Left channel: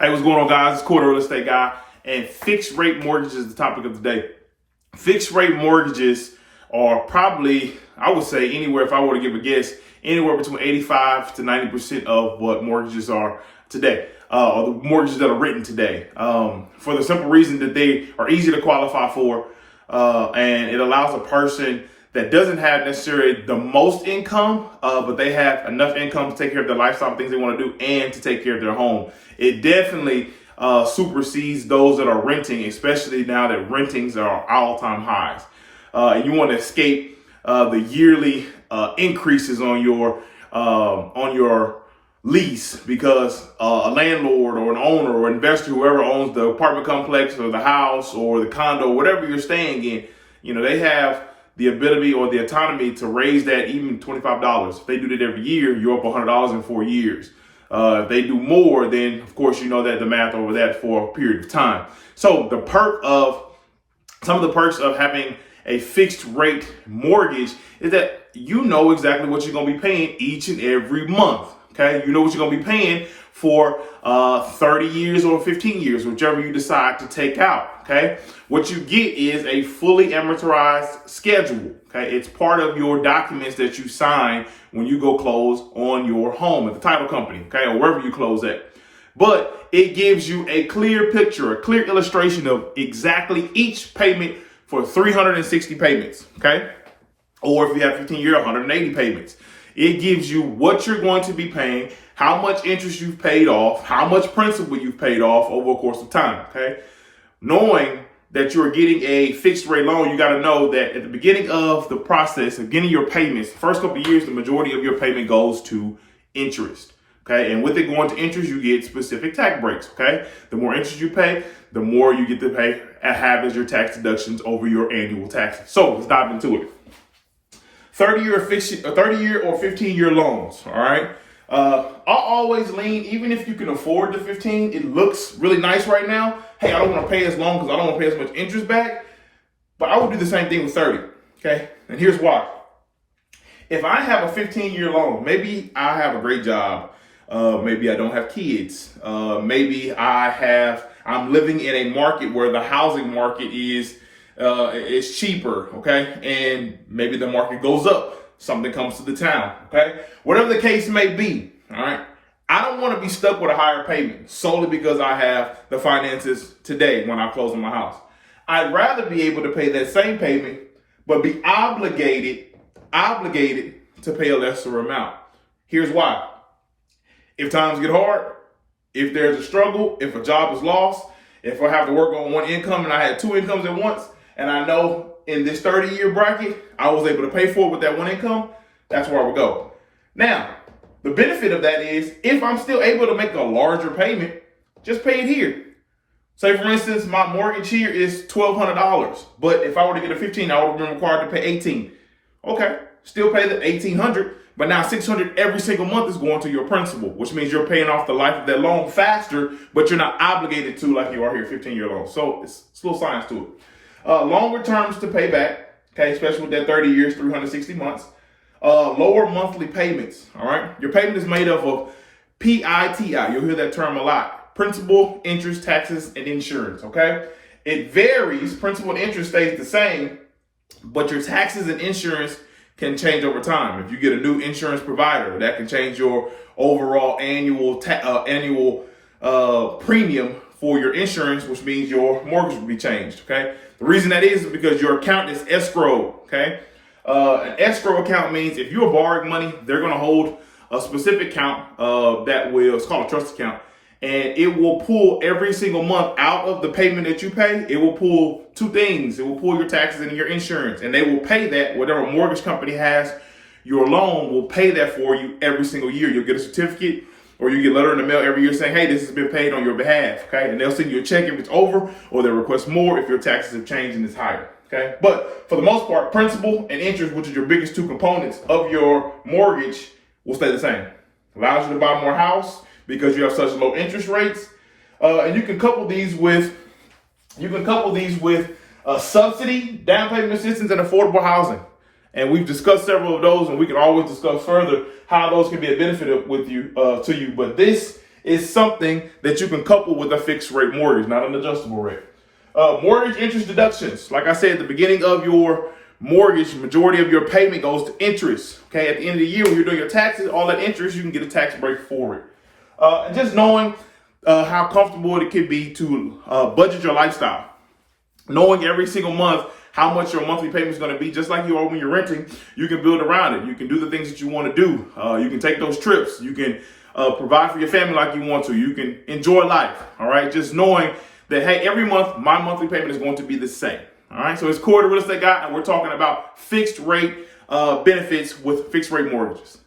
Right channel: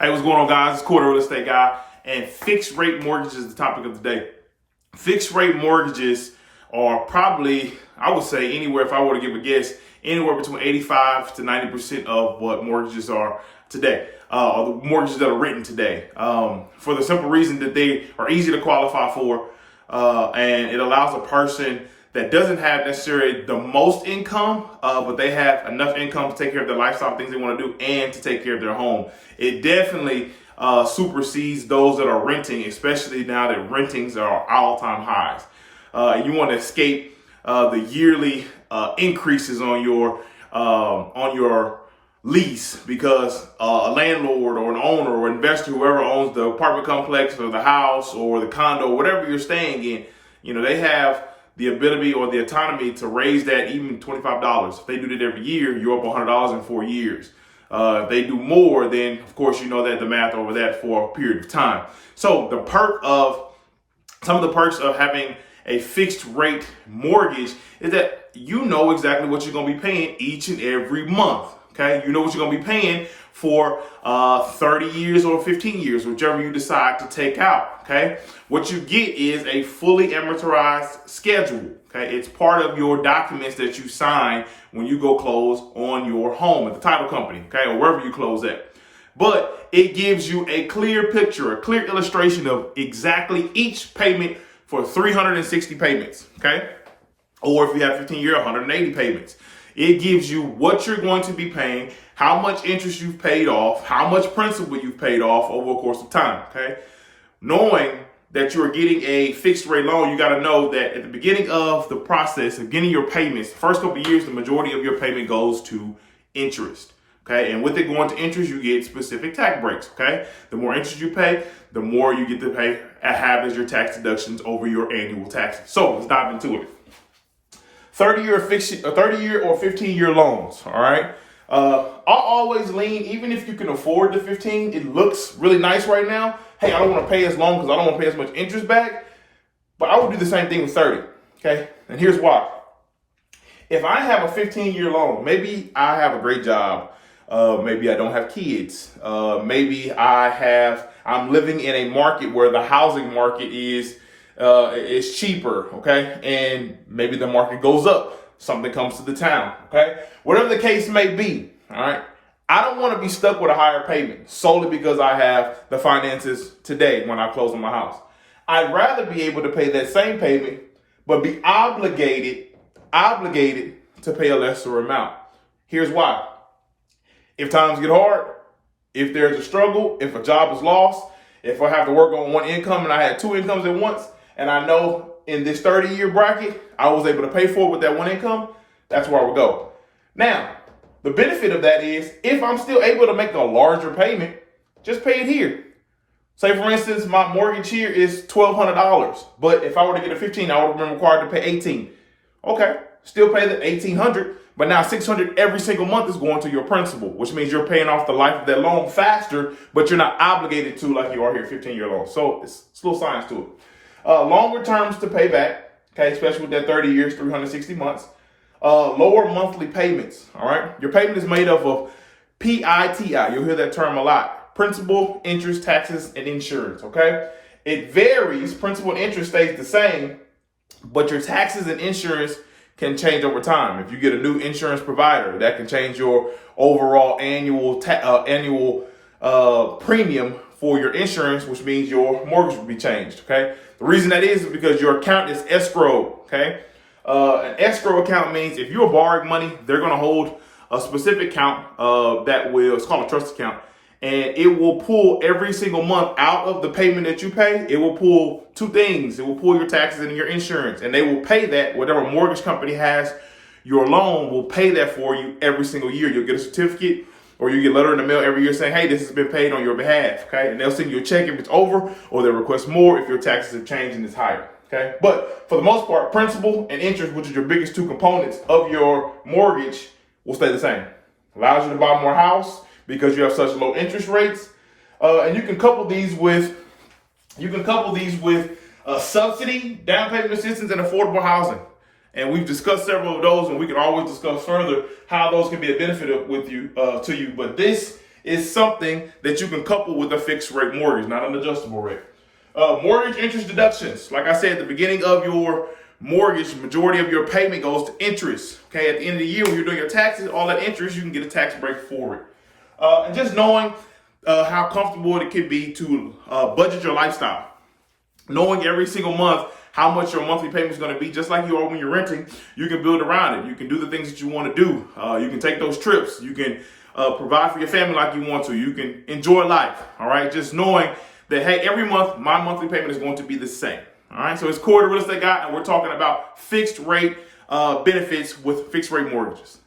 Hey, what's going on, guys? It's Cory, real estate guy, and fixed rate mortgages is the topic of the day. Fixed rate mortgages are probably, I would say, anywhere, if I were to give a guess, anywhere between 85 to 90% of what mortgages are today, or the mortgages that are written today, for the simple reason that they are easy to qualify for, and it allows a person that doesn't have necessarily the most income, but they have enough income to take care of their lifestyle, things they want to do, and to take care of their home. It definitely supersedes those that are renting, especially now that rentings are all-time highs. And you want to escape the yearly increases on your lease, because a landlord or an owner or investor, whoever owns the apartment complex or the house or the condo, whatever you're staying in, they have the ability or the autonomy to raise that even $25. If they do that every year, you're up $100 in 4 years. If they do more, then of course you know that the math over that for a period of time. So some of the perks of having a fixed rate mortgage is that you know exactly what you're going to be paying each and every month. Okay, you know what you're going to be paying for 30 years or 15 years, whichever you decide to take out. Okay, what you get is a fully amortized schedule. Okay, it's part of your documents that you sign when you go close on your home at the title company, okay, or wherever you close at. But it gives you a clear picture, a clear illustration of exactly each payment for 360 payments. Okay, or if you have 15-year, 180 payments. It gives you what you're going to be paying, how much interest you've paid off, how much principal you've paid off over a course of time, okay? Knowing that you're getting a fixed rate loan, you got to know that at the beginning of the process, of getting your payments, the first couple of years, the majority of your payment goes to interest, okay? And with it going to interest, you get specific tax breaks, okay? The more interest you pay, the more you get to pay have as your tax deductions over your annual taxes. So let's dive into it. 30-year or 15-year loans, all right? I'll always lean, even if you can afford the 15, it looks really nice right now. Hey, I don't want to pay as long because I don't want to pay as much interest back, but I would do the same thing with 30, okay? And here's why. If I have a 15-year loan, maybe I have a great job. Maybe I don't have kids. Maybe I'm living in a market where the housing market is cheaper, okay? And maybe the market goes up. Something comes to the town, okay? Whatever the case may be, all right? I don't want to be stuck with a higher payment solely because I have the finances today when I close on my house. I'd rather be able to pay that same payment, but be obligated to pay a lesser amount. Here's why. If times get hard, if there's a struggle, if a job is lost, if I have to work on one income and I had two incomes at once, and I know in this 30-year bracket, I was able to pay for it with that one income, that's where I would go. Now, the benefit of that is if I'm still able to make a larger payment, just pay it here. Say, for instance, my mortgage here is $1,200, but if I were to get a 15, I would have been required to pay $18. Okay, still pay the $1,800, but now $600 every single month is going to your principal, which means you're paying off the life of that loan faster, but you're not obligated to like you are here, 15-year loan. So it's a little science to it. Longer terms to pay back, okay, especially with that 30 years, 360 months. Lower monthly payments, all right? Your payment is made up of PITI. You'll hear that term a lot. Principal, interest, taxes, and insurance, okay? It varies. Principal and interest stays the same, but your taxes and insurance can change over time. If you get a new insurance provider, that can change your overall annual premium for your insurance, which means your mortgage will be changed, okay? The reason that is because your account is escrowed, okay? An escrow account means if you're borrowing money, they're going to hold a specific account it's called a trust account, and it will pull every single month out of the payment that you pay. It will pull two things. It will pull your taxes and your insurance, and they will pay that. Whatever mortgage company has your loan will pay that for you every single year. You'll get a certificate, or you get a letter in the mail every year saying, hey, this has been paid on your behalf, okay? And they'll send you a check if it's over, or they'll request more if your taxes have changed and it's higher, okay? But for the most part, principal and interest, which is your biggest two components of your mortgage, will stay the same. Allows you to buy more house because you have such low interest rates. And you can couple these with subsidy, down payment assistance, and affordable housing. And we've discussed several of those, and we can always discuss further how those can be a benefit to you. But this is something that you can couple with a fixed rate mortgage, not an adjustable rate. Mortgage interest deductions. Like I said, at the beginning of your mortgage, majority of your payment goes to interest. Okay, at the end of the year, when you're doing your taxes, all that interest, you can get a tax break for it. And just knowing how comfortable it can be to budget your lifestyle. Knowing every single month how much your monthly payment is going to be, just like you are when you're renting, you can build around it. You can do the things that you want to do. You can take those trips. You can provide for your family like you want to. You can enjoy life. All right. Just knowing that, hey, every month my monthly payment is going to be the same. All right. So it's Cory, the real estate guy, and we're talking about fixed rate benefits with fixed rate mortgages.